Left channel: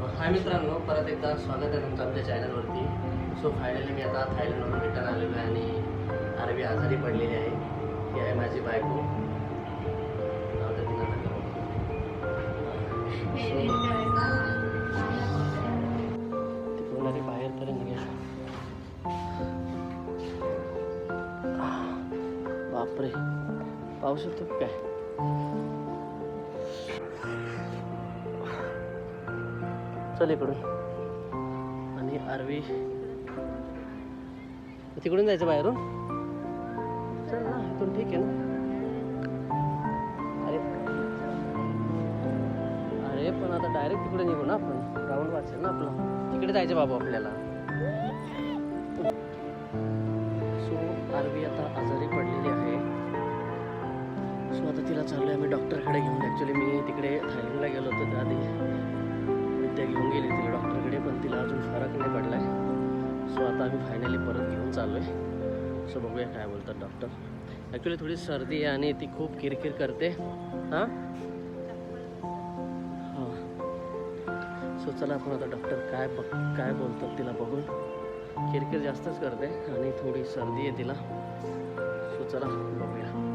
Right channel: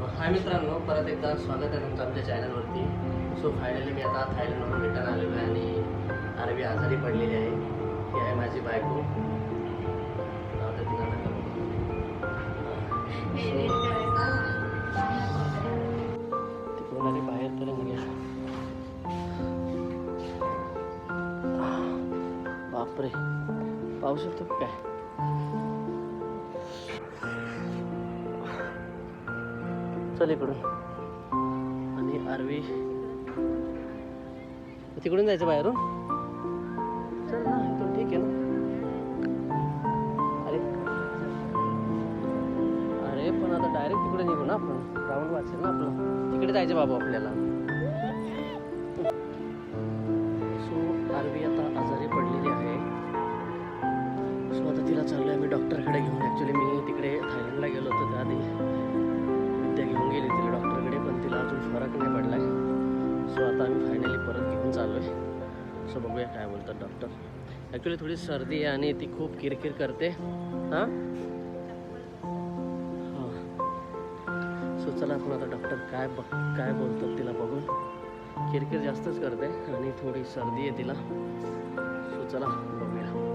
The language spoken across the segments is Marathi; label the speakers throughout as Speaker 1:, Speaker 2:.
Speaker 1: हाय मित्रांनो परत एकदा स्वागत आहे तुमचं आमच्या चॅनलवरती सो फायनली मी आता थायलंडवरून रिटर्न आलेलो आहे आणि आरबी आजारी पडलेली आहे. ही आहे माझी बायको. तिकडून अरे बाहेर तरी बापरे. येतो का काय? चल इकडून. आणि आरवी. तिकडून जायचं बाहेरून? चल ना इथून ठीक आहे ना. अरे. अरे पण आता डायरेक्ट तिकडे निघू ना आपण. राऊंड वाचेल ना आपलं. तिकडे जायचं बाबा आपल्याला. सो आरवी आता आजारी पडलेली आहे. सो आता तिला चाललं आहे मी डॉक्टरकडे घेऊन. ॲक्च्युली मी तिकडे थायलंडला गेलो होतो त्याआधी. विद्या घेऊन गेली तिला डॉक्टरकडे पण तिला अजून फरक नाही पडला आहे सो आता आम्ही फायनली परत घेऊन चाललो आहे सो बघूया काय बोलतात डॉक्टर ॲक्च्युली थोडी सर्दी आहे आणि ती खूप किरकिर करते. हां? हां. सो चला आपण आता डॉक्टर काय बघ काय बोलतात तिला बघून. किरकिर जास्तच करते आणि थोडी सर्दी आहे तिला. सो चला बघूया.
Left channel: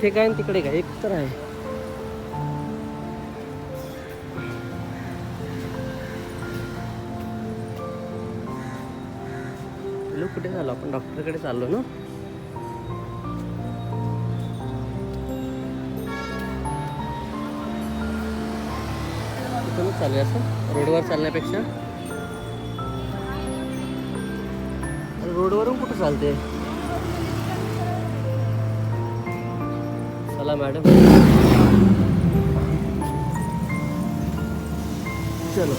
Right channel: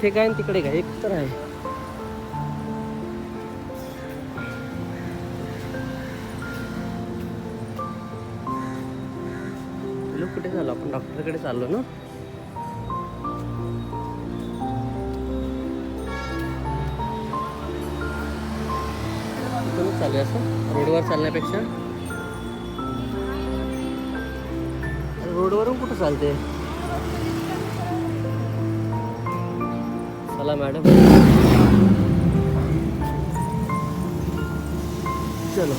Speaker 1: इथे काय आणि तिकडे काय? एक तर आहे. कुठे झालो आपण डॉक्टरकडे चाललो ना? इथूनच चालू आहे असं? रोडवर चालण्यापेक्षा? अरे रोडवरून कुठं चालते चला मॅडम. चलो.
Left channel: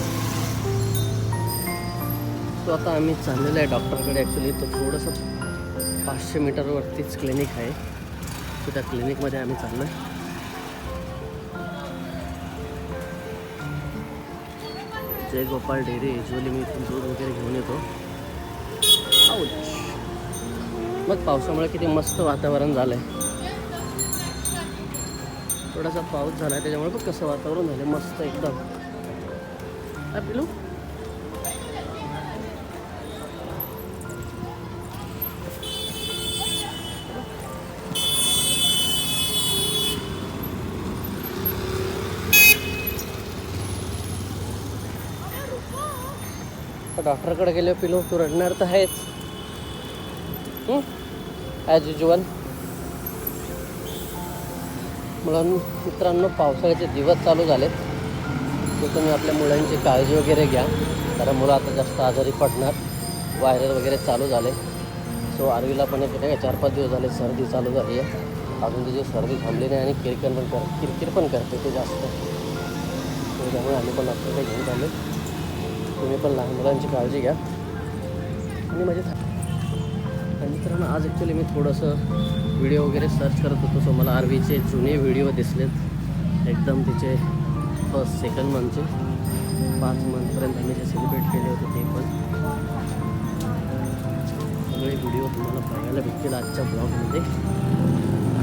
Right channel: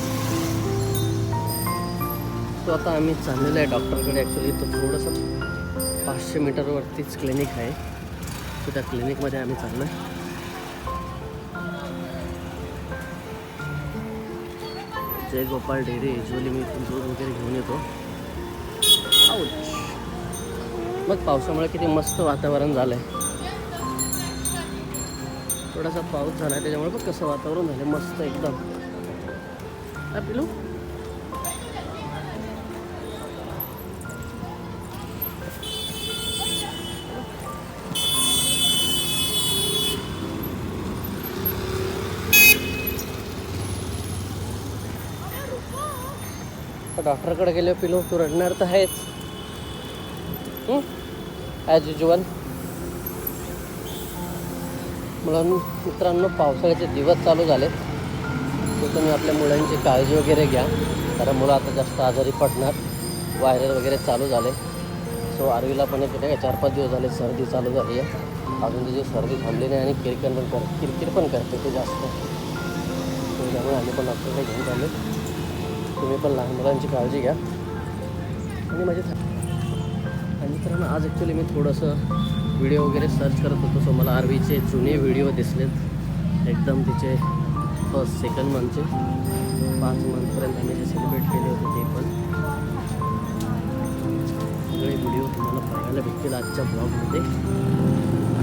Speaker 1: तो आता आम्ही चाललेलो आहे डॉक्टरकडे. ॲक्च्युली तो थोडंसं पाचशे मीटरवरतीच क्लिनिक आहे. तर त्या क्लिनिकमध्ये आम्ही चाललो आहे जय गोपाल डेअरी युजली मी इथून दूध वगैरे घेऊन येतो. मग पावसामुळे किती मस्त वातावरण झालं आहे थोडासा पाऊस झाला आहे त्याच्यामुळे बघ कसं वातावरण झालं मस्त एकदम. पिलू? डॉक्टरकडे गेले पिलो तू रडणार तर आहेच ॲज युजल म्हणून मित्रांनो पावसाळ्याचे दिवस चालू झालेत. तर तुम्ही आपल्या मुलांची काळजी वगैरे घ्या. कारण मुलं आता जास्त आजारी पडणार. व्हायरल वगैरे चालू झाले. सो आरवीला पण एक नाही का चार पाच दिवस झाले सर्दी चालू झाली आहे. अजून तिची सर्दी थांबली नाही आणि किरकिर पण कर किरकिर पण करते ते जास्त. त्यामुळे आम्ही पण डॉक्टरकडे घेऊन चालले तुम्ही पण लहान मुलांची काळजी घ्या. आणि माझी मित्रांनो आज ॲक्च्युली मी थोडंसं व्हिडिओ वगैरे सर्च करत होतो. सो मला आरवीचे जुने व्हिडिओ दिसलेत. एकदम तिचे फर्स्ट सेकंड मंथचे पाच मंथपर्यंत आम्ही जे सेलिब्रेट केले होते ते पण. सगळे व्हिडिओ तुम्हाला पाहायला भेटतील आजच्या ब्लॉगमध्ये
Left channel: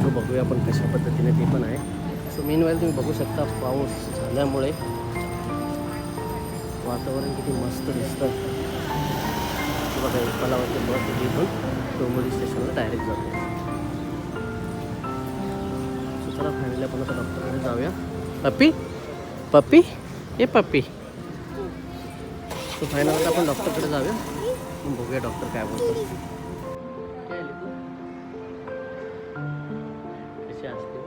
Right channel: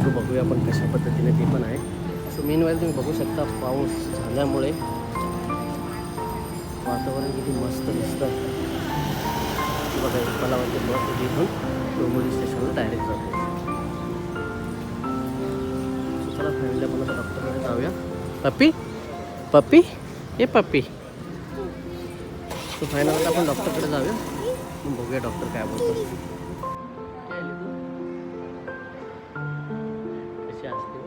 Speaker 1: तो बघूया आपण कशा पद्धतीने ते पण आहे. सो मेन वेळेला तुम्ही बघू शकता पाऊस झाल्यामुळे वातावरण किती मस्त दिसतं बघा मला पलावरती बघ होती डोंबोली स्टेशनला डायरेक्ट जातो. सो चला फायनली आपण आता डॉक्टरकडे जाऊया. पप्पी? पप्पी? ए पप्पी. सो फायनल आता आपण डॉक्टरकडे जाऊया. मग बघूया डॉक्टर काय बोलतो कशी असते?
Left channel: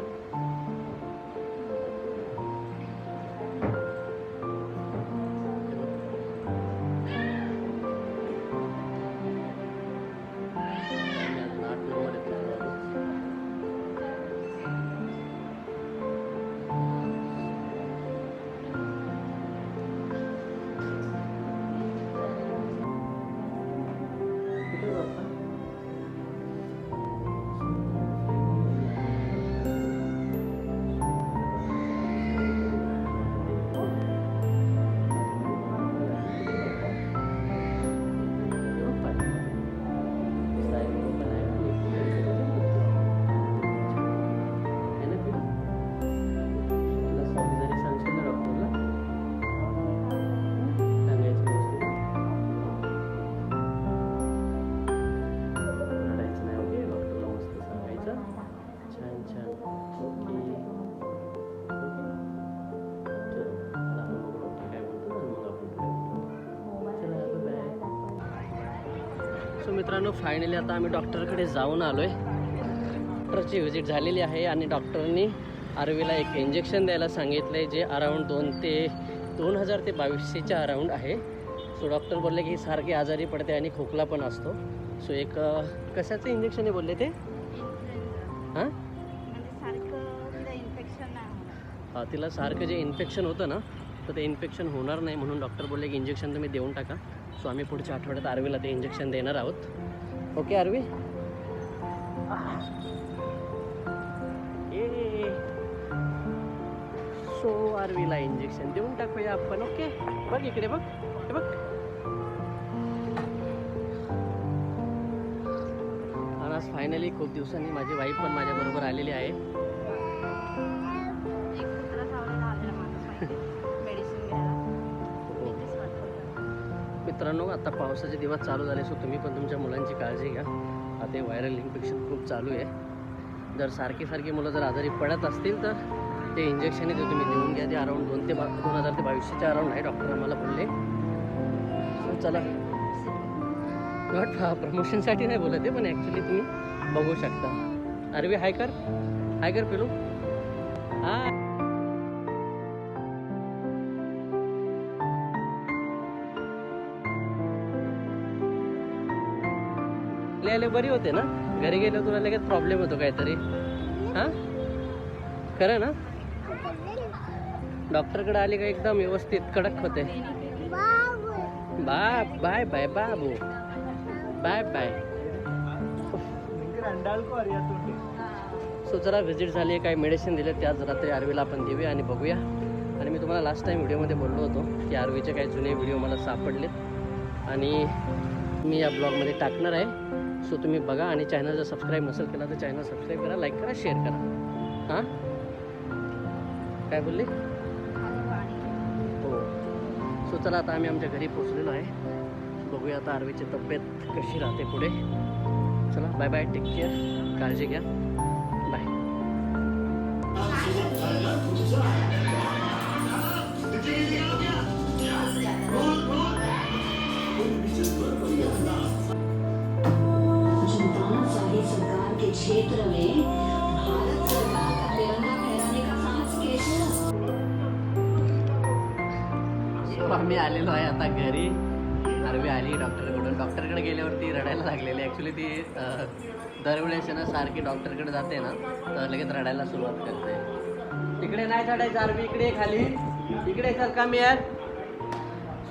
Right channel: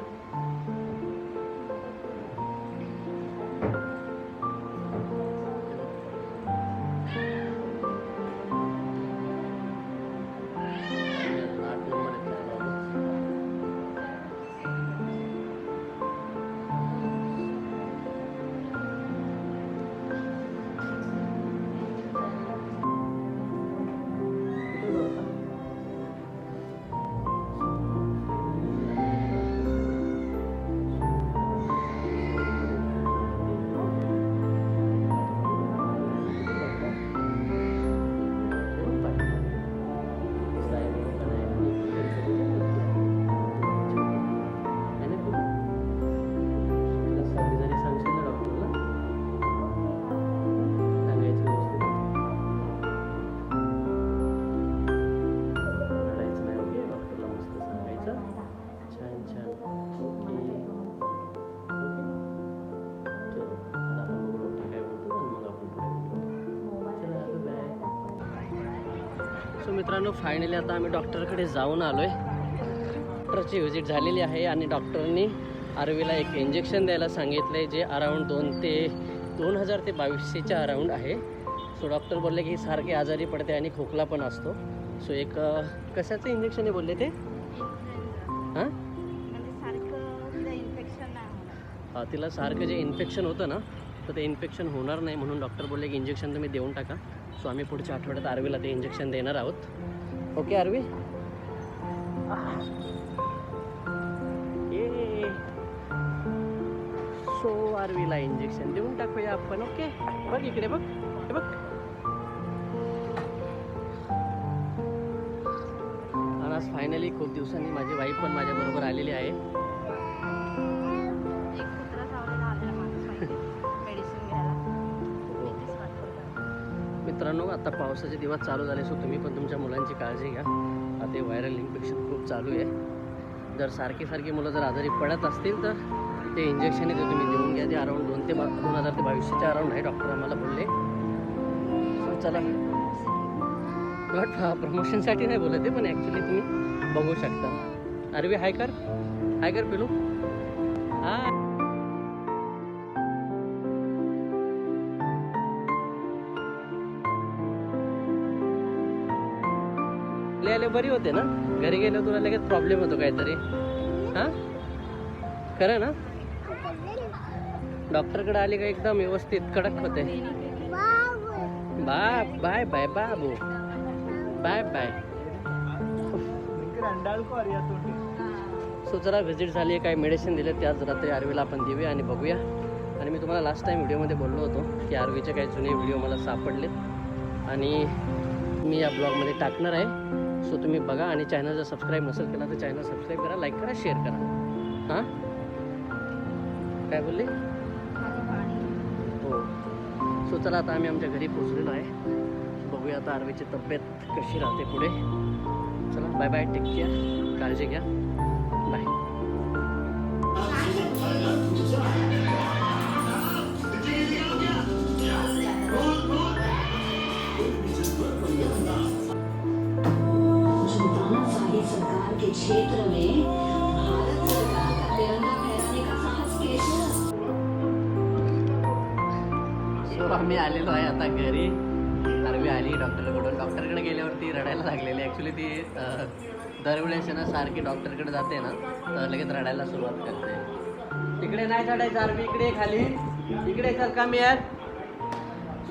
Speaker 1: मित्रांनो फायनली आता आम्ही डॉक्टरकडे जाऊन आलो आहे डॉक्टरची व्हिजिट झालेली आहे आणि डॉक्टरनी आरवीला एक इंजेक्शन द्यायला सांगितलं आहे जे अराऊंड दोन ते दोन हजार ते बावीसशेच्या अराऊंड आहे. सो डॉक्टर बोलले की सारखे आजारी पडते आणि खोकला पण असतो. सो एक कशाचं इंजेक्शन आहे बोलले ते? हां?
Speaker 2: म्हणजे
Speaker 1: हा, तिला सारखं जे इन्फेक्शन होतं ना तर ते इन्फेक्शन होणार नाही म्हणून डॉक्टर बोलले की इंजेक्शन तुम्ही देऊन टाका. सो आम्ही पुढच्या आठवड्यात आरवीला ते इंजेक्शन देणार आहोत. ओके आरवी? ये. सो आरवीला इंजेक्शन देऊन टाकूया आपण ओके बघ इकडे बघ हे बघ. आणि आज फायनली खूप दिवसांनी माझी वाईफ पण माझ्याबरोबर आलेली आहे. मित्रांनो आता पावसाचे दिवस चालू झाले सो तुम्ही पण तुमच्या मुलांची काळजी घ्या. आता व्हायरल इन्फेक्शन खूप चालू आहे. जर सारखी सारखी मुलं जर आजारी पडत असतील तर ते इंजेक्शन ते तुम्ही देऊन घ्या. ते अराऊंड दोन ते बा दोन हजार ते बावीसशेच्या अराऊंड आहे डॉक्टर आम्हाला बोलले. सो चला. नॉट प्रमोशनसाठी नाही बोलत आहे पण ॲक्च्युली तुम्ही बघू शकता. अरवी हाय कर. हाय कर पिलू. हां आले आले बरी होते ना? घरी गेलो तुला लगेच प्रॉब्लेम होतो काहीतरी. हां? खरं ना? डॉक्टरकडे आले का एकदम व्यवस्थित कडक होते. बाय बाय बाय बाबू. Bye bye. सो जरा व्हिजिट झाली काही मेडिसिन दिले त्याच रात्री आरवीला आपण देऊया आणि बघूया. आणि मी तुम्हाला लास्ट टाईम व्हिडिओमध्ये बोललो होतो की आरवीचे काही जुने व्हिडिओ मला सापडलेत. आणि मी या ब्लॉगमध्ये टाकणार आहे. सो तुम्ही बघा आणि चॅनल जर सबस्क्राईब नसेल केला तर चॅनल सबस्क्राईब करा लाईक करा शेअर करा. हां? काय बोलले? हो. सो चला आता आम्ही आमच्या घरी पोचलेलो आहे. बघूया आता आरवीची तब्येत कशी राहते पुढे. चला बाय बाय टेक केअर काळजी घ्या. Bye
Speaker 3: Yeah. शाही सरकार के क्षेत्र में भारत सरकार का तिरंगा फहराने का साहस कैसे
Speaker 1: सो आम्ही आलेलो आहे आता घरी. आरवी आली डॉक्टरकडून डॉक्टरकडे गेल्यावरती रडायला लागलेली. ॲक्च्युली ती दरवेळेस ना सारखी डॉक्टरकडे जाते ना तर लगेच रडायला सुरुवात करते. तिकडे नाही चढायचं आरवी. इकडे खाली. इकडे चल कमी यार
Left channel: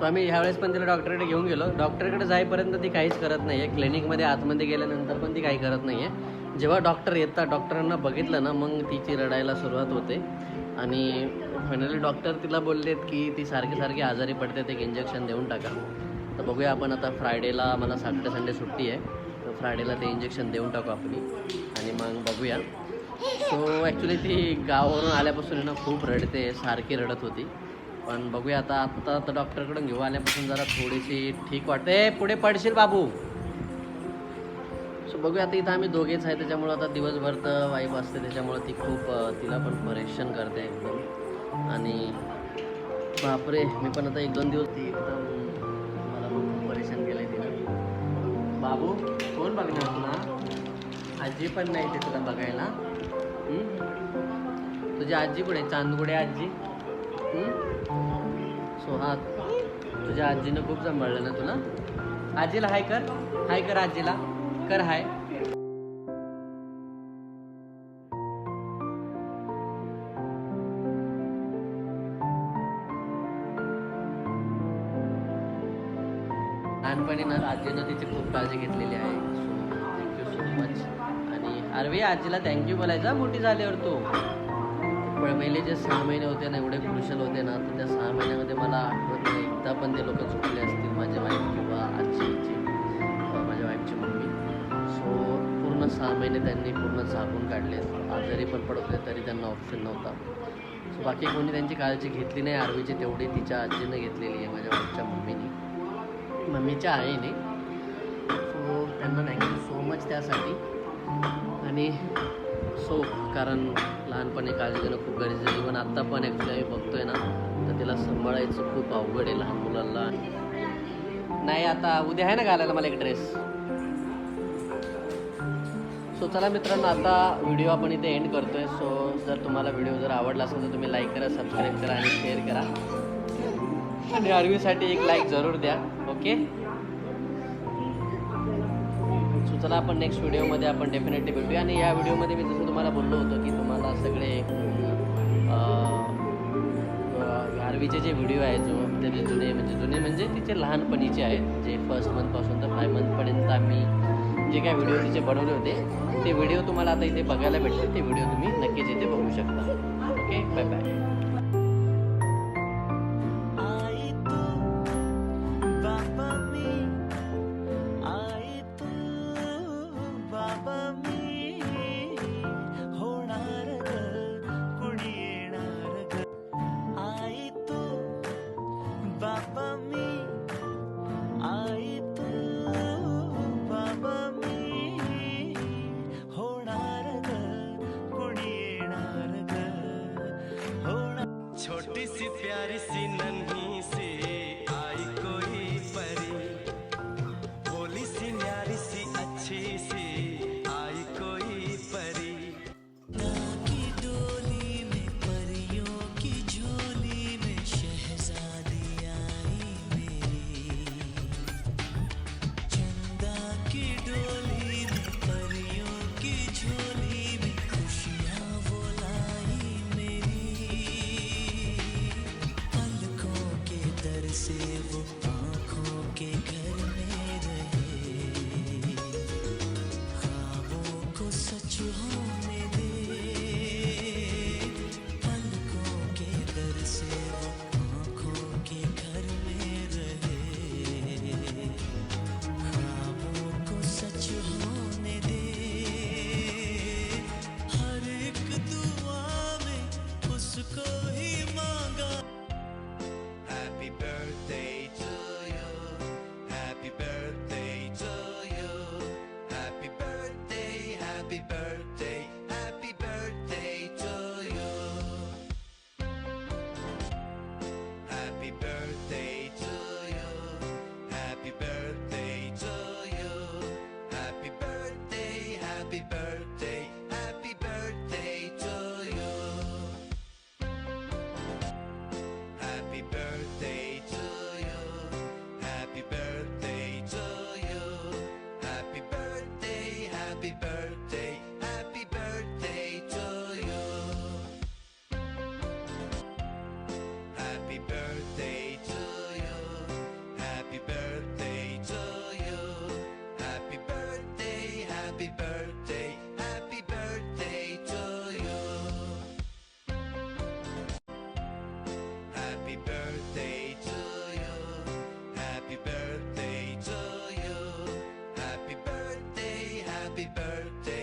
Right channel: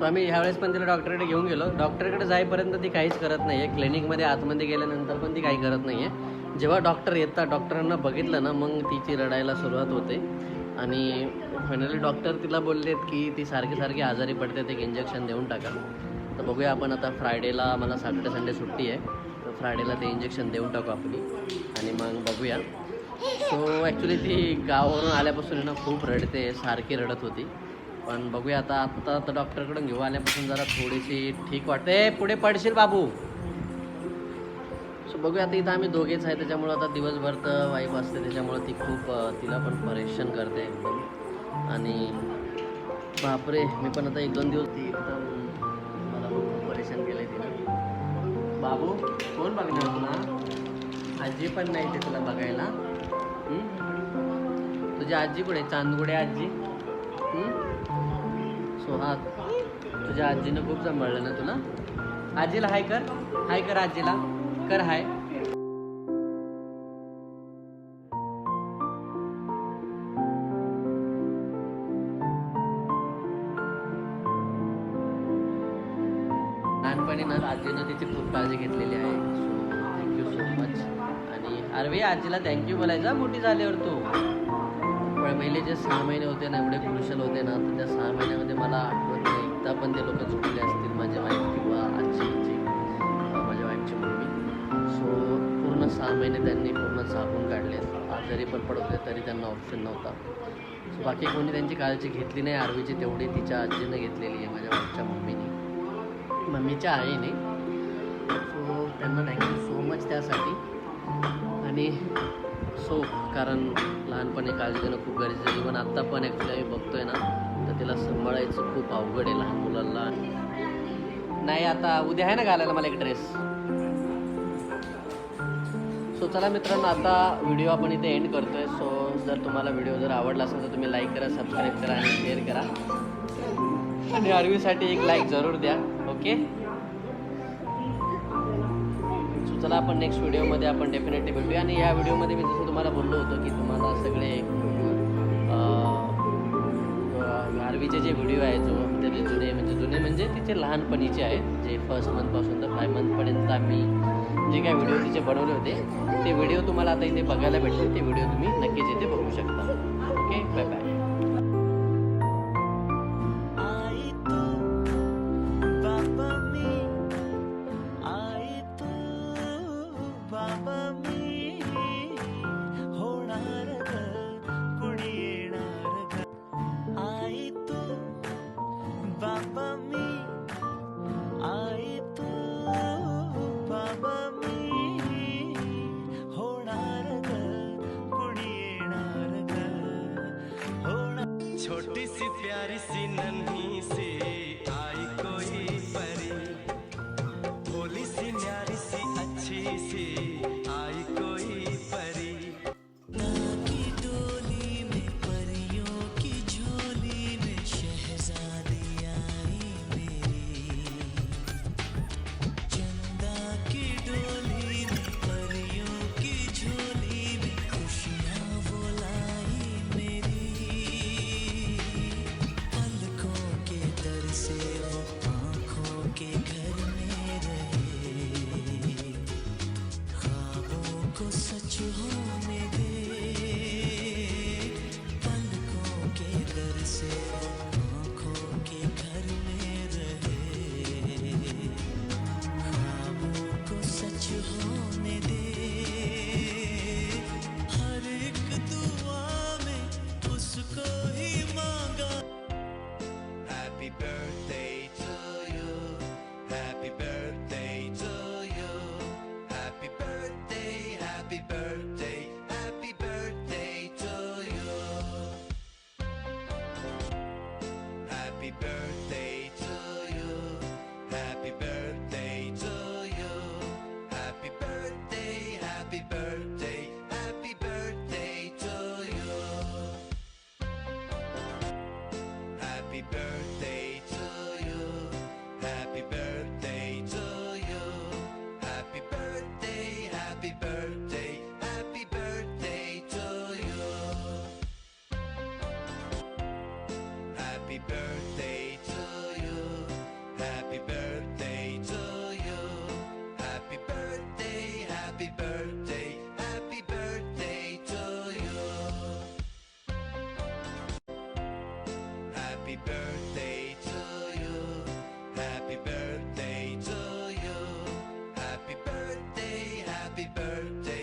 Speaker 1: सो आम्ही ह्यावेळेस पण तिला डॉक्टरकडे घेऊन गेलो. डॉक्टरकडे जाईपर्यंत ती काहीच करत नाही आहे क्लिनिकमध्ये आतमध्ये गेल्यानंतर पण ती काही करत नाही आहे जेव्हा डॉक्टर येतात डॉक्टरांना बघितलं ना मग तिची रडायला सुरुवात होते. आणि फायनली डॉक्टर तिला बोललेत की ती सारखी सारखी आजारी पडते ते एक इंजेक्शन देऊन टाका. तर बघूया आपण आता फ्रायडेला मला सॅटर्डे संडे सुट्टी आहे. तर फ्रायडेला ते इंजेक्शन देऊन टाकू आपण. आणि मग बघूया. सो ॲक्च्युली ती गावावरून आल्यापासून ना खूप रडते सारखी रडत होती. पण बघूया आता आत्ता तर डॉक्टरकडून घेऊ आल्यापासून जरा थोडीशी ठीक वाटते. पुढे पडशील बाबू. सो बघूया आता इथं आम्ही दोघेच आहे त्याच्यामुळं आता दिवसभर तर वाईफ असते त्याच्यामुळं ती खूप तिला पण परेशान करते एकदम. आणि बापरे मी पण आता एक दोन दिवस ती एकदम मला खूप परेशान केलं आहे तिला. बाबू कोण बघणार तुला? आजी पण नाही ते तुला बघायला. तुझी आजी कुठे चांदगुडे आजी? सो हा तुझ्या आजीनं खूप सांभाळलं ना तुला? आजीला हाय कर. हाय कर आजीला. कर हाय. लहानपणी ना आजीनं तिची खूप काळजी घेतलेली आहे. सो थँक्यू सो मच आणि अरवी आजीला थँक्यू बोलायचा मोठी झाल्यावर तू. पहिले जे सहा महिने होते ना एवढे क्रुशल होते ना तर त्या सहा महिन्यामध्ये मला आठवत नाही. एकदा पण ते लोक झोपले असतील माझे वाईफ किंवा आजीचे माझ्या वाईफची मम्मी. सो पूर्ण सहा महिने त्यांनी पूर्ण झाकून काढले. आजारी पण पडत होते तरी त्यांना ऑप्शन नव्हता. सो बाकी कोणी त्यांची काळजी घेतली नाही. आरवीची तेवढी तिच्या आजीनं घेतलेली आहे माझ्या वाईफच्या मम्मीने. मम्मीच्या आईने. सो त्यांना थँक्यू सो मच त्यासाठी. आणि सो कारण लहानपणी काळजी घेणं खूप गरजेचं इव्हन आत्ता पण ॲक्च्युली आम्ही बघतो आहे ना तर तिला सांभाळायचं खूप अवघड आहे लहान मुलांना. नाही आता उद्या आहे ना घालायला मला एक ड्रेस सो चला मित्रांनो आता व्हिडिओ आपण इथे एंड करतो आहे सो जर तुम्हाला व्हिडिओ जर आवडला असेल तर तुम्ही लाईक करा सबस्क्राईब करा आणि शेअर करा. आणि आरवीसाठी एक लाईक जरूर द्या ओके चला आपण नेक्स्ट व्हिडिओमध्ये आपण डेफिनेटली भेटूया. आणि या व्हिडिओमध्ये मी जसं तुम्हाला बोललो होतं की तुम्हाला सगळे आरवीचे जे व्हिडिओ आहे जो त्याचे जुने म्हणजे जुने म्हणजे तिचे लहानपणीचे आहेत. जे फर्स्ट मंथपासून तर फाय मंथपर्यंत आम्ही जे काय व्हिडिओ तिचे बनवले होते ते व्हिडिओ तुम्हाला आता इथे बघायला भेटतील. ते व्हिडिओ तुम्ही नक्कीच इथे बघू शकता. ओके बाय बाय
Speaker 4: प्यारी सी नन्ही से आई कोई happy birthday